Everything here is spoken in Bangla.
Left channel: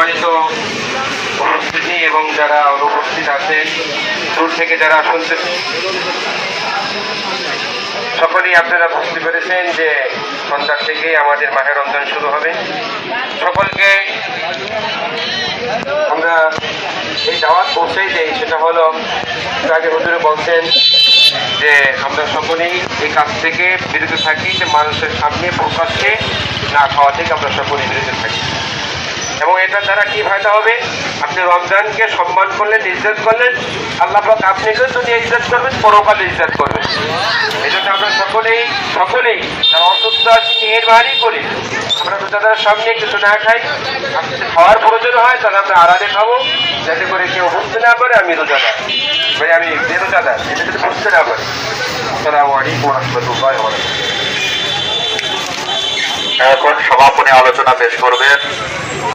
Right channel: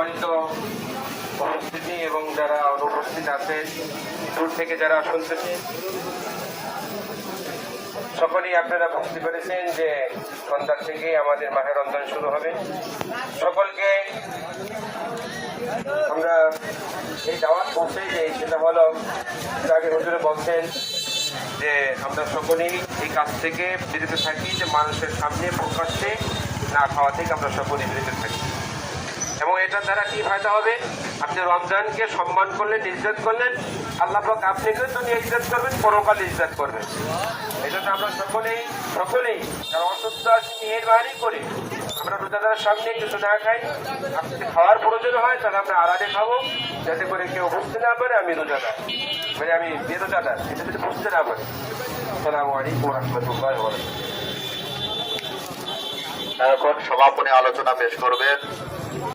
সম্মানিত উপস্থিতি এবং যারা অনুপস্থিত আছেন, দূর থেকে যারা শুনছেন, সকলেই আপনারা বুঝতে পেরেছেন যে সন্ধ্যার থেকেই আমাদের মাহে রমজান শুরু হবে। সকলকে আমরা এই দাওয়াত পৌঁছেই দেই, সেটা হলো আগে হুজুরে বলছেন যে আমরা সকলেই এই কাজ থেকে বিরত থাকি, যে মানুষের সামনে প্রকাশ্যে না খাওয়া থেকে আমরা সকলেই বিরত থাকি। এবং এটার দ্বারা কি ফায়দা হবে? আপনি রমজানকে সম্মান করলেন, ইজ্জত করলেন, আল্লাহ পাক আপনাকেও দুনিয়া ইজ্জত করবেন, পরকালে ইজ্জত করবেন। এই জন্য আমরা সকলেই যারা অসুস্থ আছি মেহেরবানি করে আমরা রোজাদারের সামনে কিছু না খাই। খাওয়ার প্রয়োজন হয় তাহলে আমরা আড়ালে খাবো, যাতে করে কেউ বুঝতে না পারে আমি রোজাদার, ভাই আমি বেরোজাদার, এটা যদি বুঝতে না পারে। আসসালামু আলাইকুম ওয়া রাহমাতুল্লাহি ওয়া বারাকাতুহু। এখন সমাপনী আলোচনা পেশ করবেন